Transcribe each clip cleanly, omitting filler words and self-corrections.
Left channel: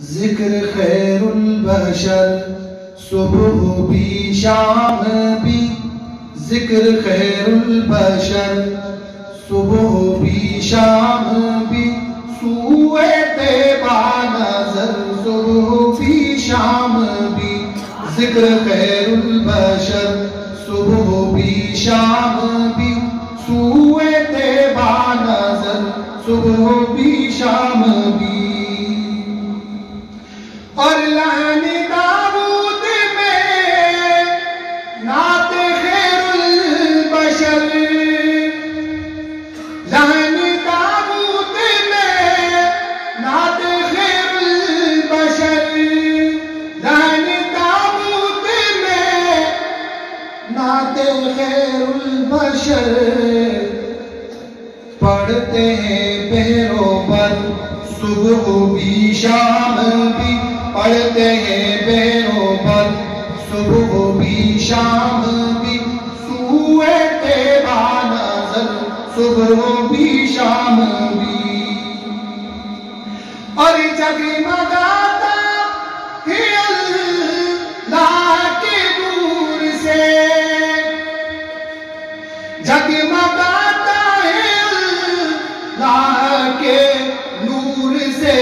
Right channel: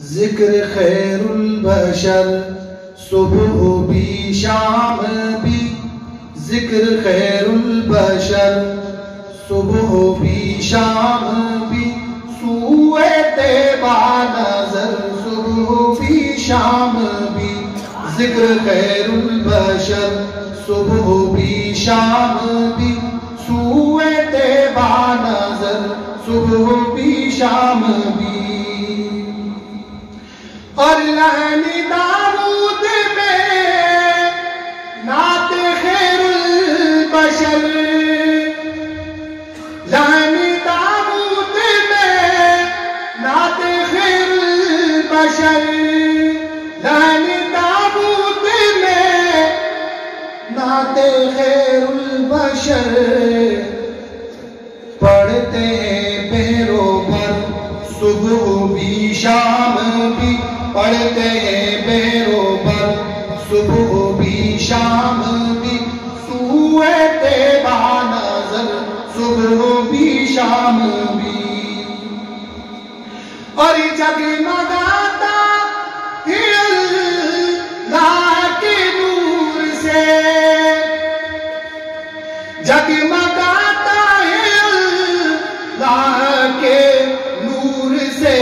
ذکر خیر البشر صبح بھی شام بھی، ذکر خیر البشر صبح بھی شام بھی، سوئے طیبہ نظر صبح بھی شام بھی، ذکر خیر البشر صبح بھی شام بھی، سوئے طیبہ نظر صبح بھی شام بھی، اور لہن داود میں نعت خیر البشر، لہن داود میں نعت خیر البشر، لہن داود میں نعت خیر البشر، پڑھتے ہیں پہرو بر صبح بھی شام بھی، پڑھتے ہیں بیرو پر صبح بھی شام بھی، سوئے طیبہ نظر صبح بھی شام بھی، اور جگمگاتا ہے اللہ کے نور سے، جگمگاتا ہے اللہ کے نور سے،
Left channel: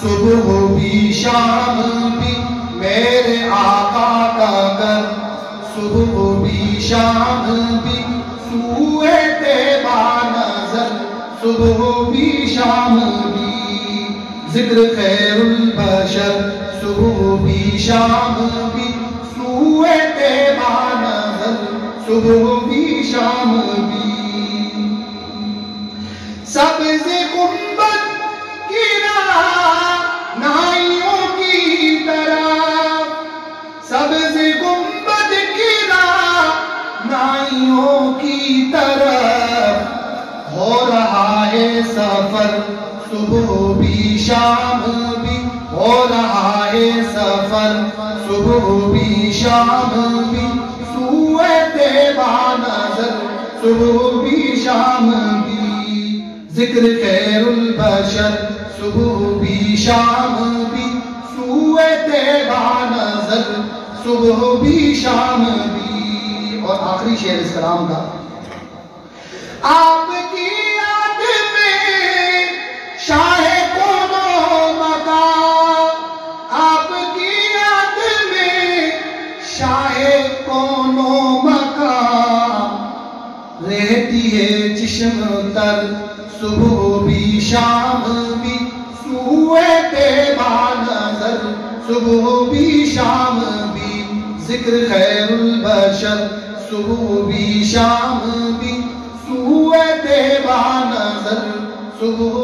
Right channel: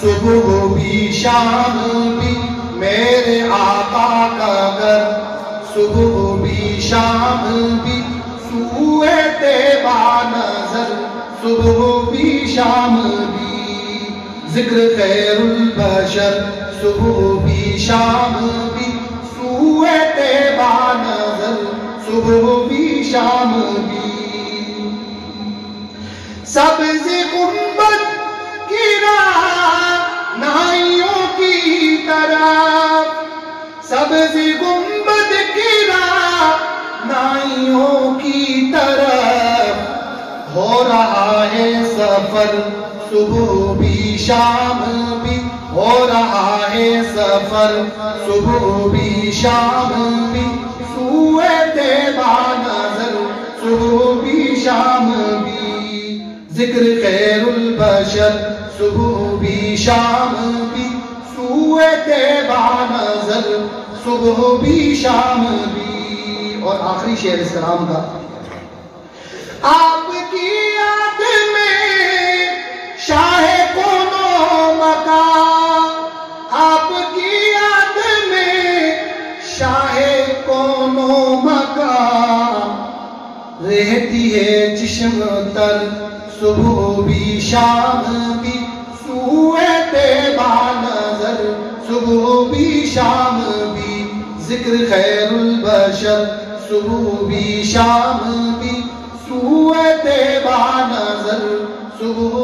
صبح بھی شام بھی، میرے آقا کا گھر صبح بھی شام بھی، سوئے طیبہ نظر صبح بھی شام بھی، ذکر خیر البشر صبح بھی شام بھی، سوئے طیبہ نظر صبح بھی شام بھی، سبز گنبد کی نائیوں کی طرف، سبز گنبد کی نائیوں کی طرف، ہو رہا ہے سفر صبح بھی شام بھی، ہو رہا ہے سفر صبح بھی شام بھی، سوئے طیبہ نظر صبح بھی شام بھی، ذکر خیر البشر صبح بھی شام بھی، سوئے طیبہ نظر صبح بھی شام بھی، اور آخری شعر اس کلام کا، آپ کی یاد میں شاہ کون و مکان، آپ کی یاد میں شاہ کون و مکان، رہتی ہے چشم تر صبح بھی شام بھی، سوئے طیبہ نظر صبح بھی شام بھی، ذکر خیر البشر صبح بھی شام بھی، سوئے طیبہ نظر صبح